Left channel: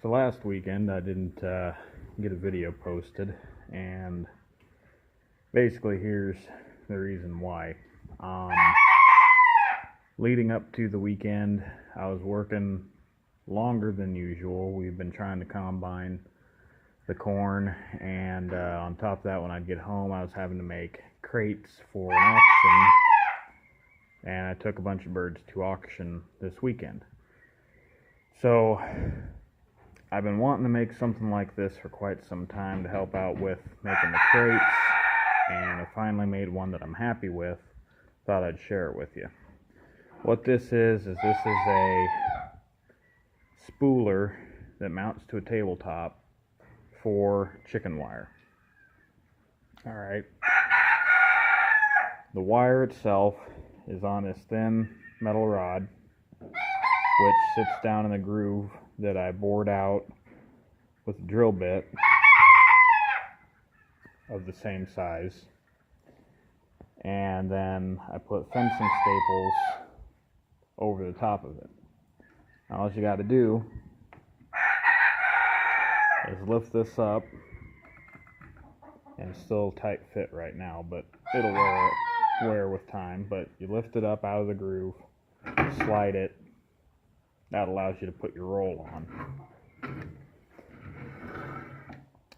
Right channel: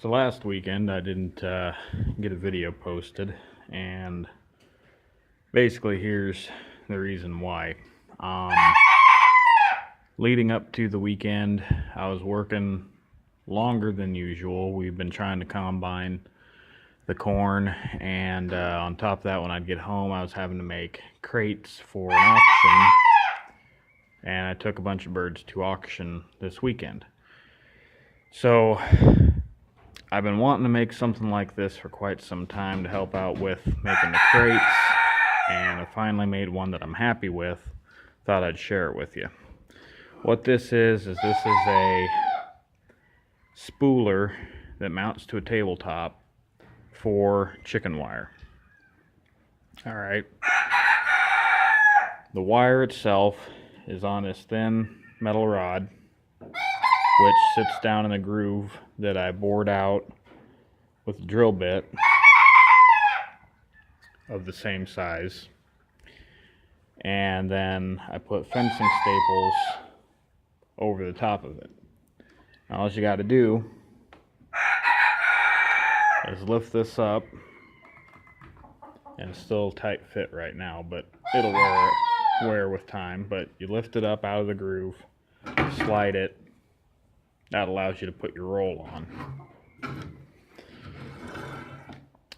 So last weekend I didn't get a video posted, and basically here's the reason why. Leading up to the weekend, I was working longer than usual. We've been trying to combine the corn, and on top of that, when I'd get home, I was having to make crates for an auction, and I took a bunch of birds to auction this weekend. So I've been wanting to make something like this for quite some time to help out with making the crates, and I finally made one that I'm happy with. Thought I'd share it with you. What this is a spooler that mounts to a tabletop for chicken wire. Alright. The wire itself is on this thin metal rod, which sits down in a groove that I bored out with a drill bit of the same size. And then I put fencing staples over the top of it. Now all you got to do is lift this up, and it's still tight fit right now, but it'll wear with time. But you lift it up out of the groove, slide it. That allows you to put your roll on.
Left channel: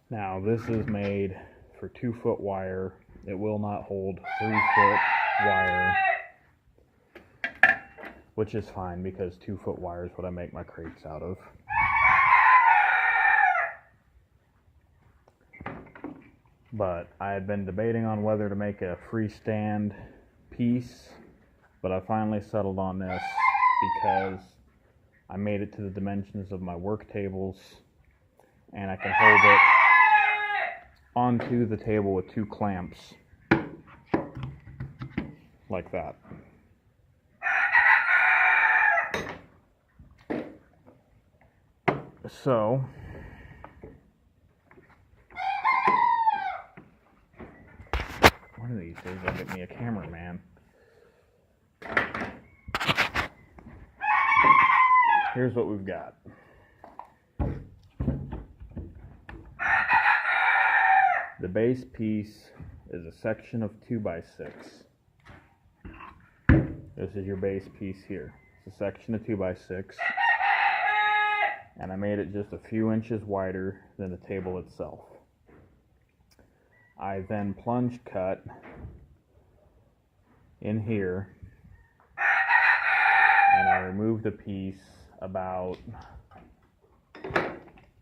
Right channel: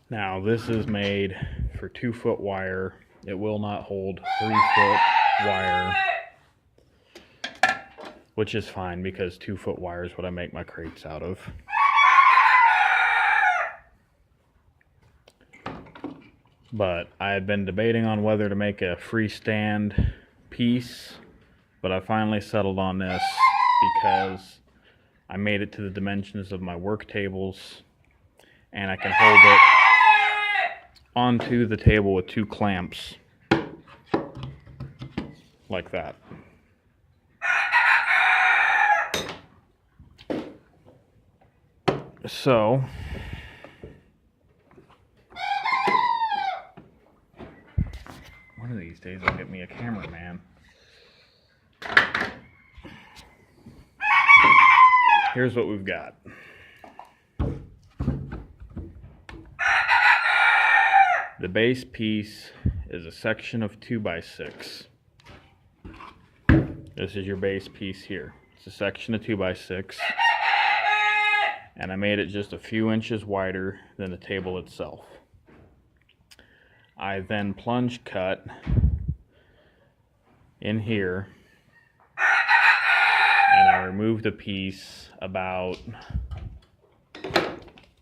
Now this is made for 2-foot wire. It will not hold 3-foot wire, which is fine because 2-foot wire is what I make my crates out of. But I had been debating on whether to make a freestand piece, but I finally settled on this because I made it to the dimensions of my work tables, and I can hold it onto the table with 2 clamps like that. So one of these days I'll get me a cameraman. Here's what we've got. The base piece is a section of 2x6. This is your base piece here. It's a section of 2x6. And I made it just a few inches wider than the table itself. I then plunge cut in here, and I removed a piece about,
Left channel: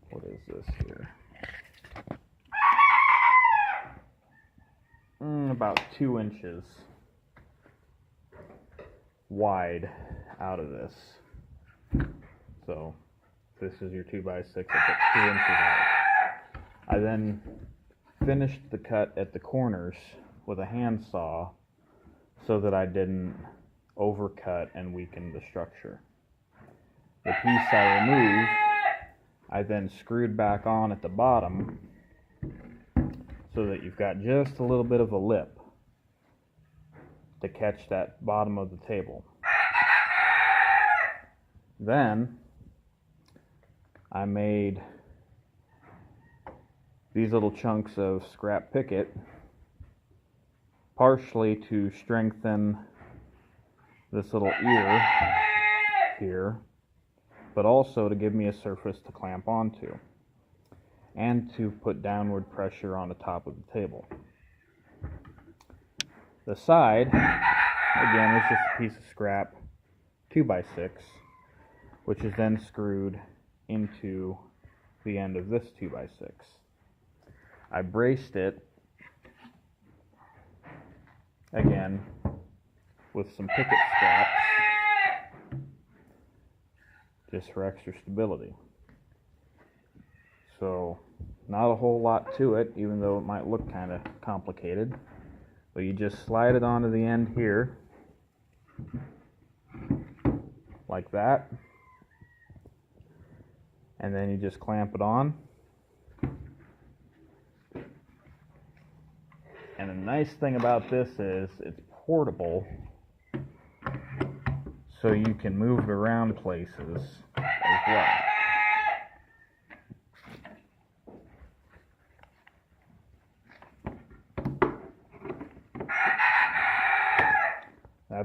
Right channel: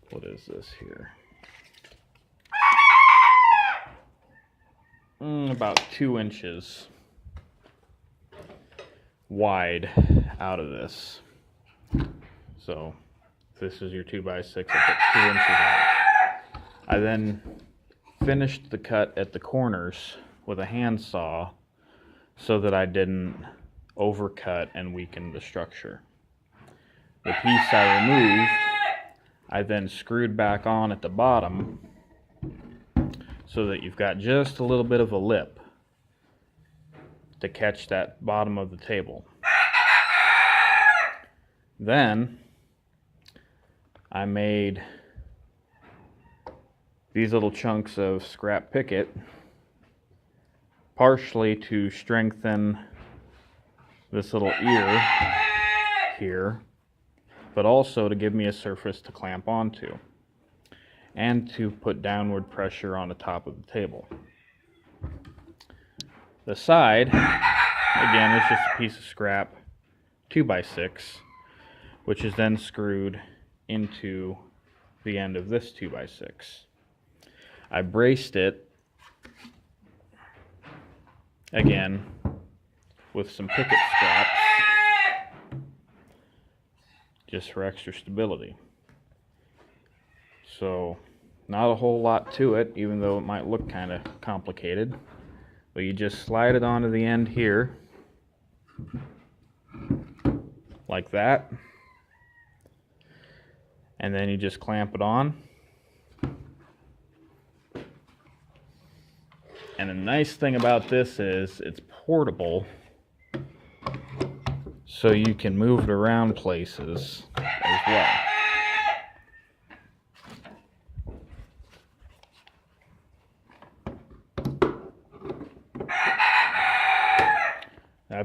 what is this here? About 2 inches wide out of this. So this is your 2x6, I put 2 inches out. I then finished the cut at the corners with a handsaw so that I didn't overcut and weaken the structure. The piece I removed, I then screwed back on at the bottom so that you've got just a little bit of a lip to catch that bottom of the table. Then I made these little chunks of scrap picket, partially to strengthen this little ear here, but also to give me a surface to clamp onto and to put downward pressure on the top of the table. The side, again, is just a piece of scrap 2x6, which is then screwed into the end of this 2x6. I braced it, again, with some picket scraps, just for extra stability. So, not a whole lot to it, even though it might look kind of complicated. But you just slide it onto the end here, like that. And then you just clamp it on. And the nice thing about this is it's portable, so you can move it around places as well.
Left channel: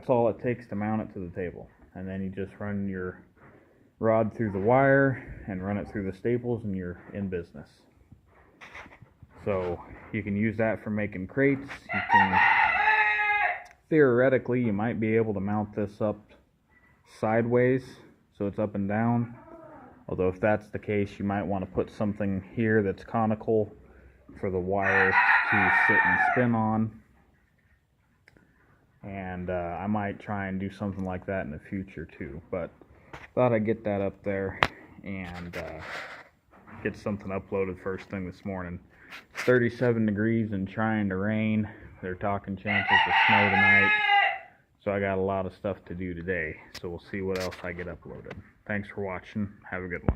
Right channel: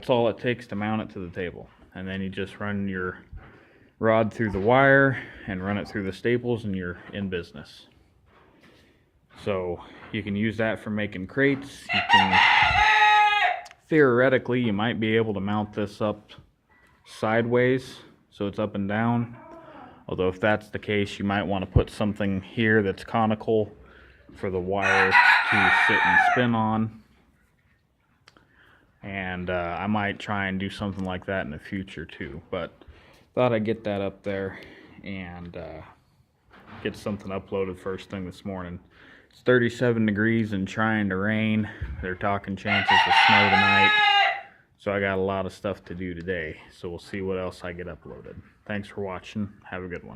that's all it takes to mount it to the table. And then you just run your rod through the wire and run it through the staples and you're in business. So you can use that for making crates. You can, theoretically, you might be able to mount this up sideways so it's up and down. Although if that's the case, you might want to put something here that's conical for the wire to sit and spin on. And I might try and do something like that in the future too. But thought I'd get that up there and get something uploaded first thing this morning. It's 37 degrees and trying to rain. They're talking chances of snow tonight. So I got a lot of stuff to do today. So we'll see what else I get uploaded. Thanks for watching. Have a good one.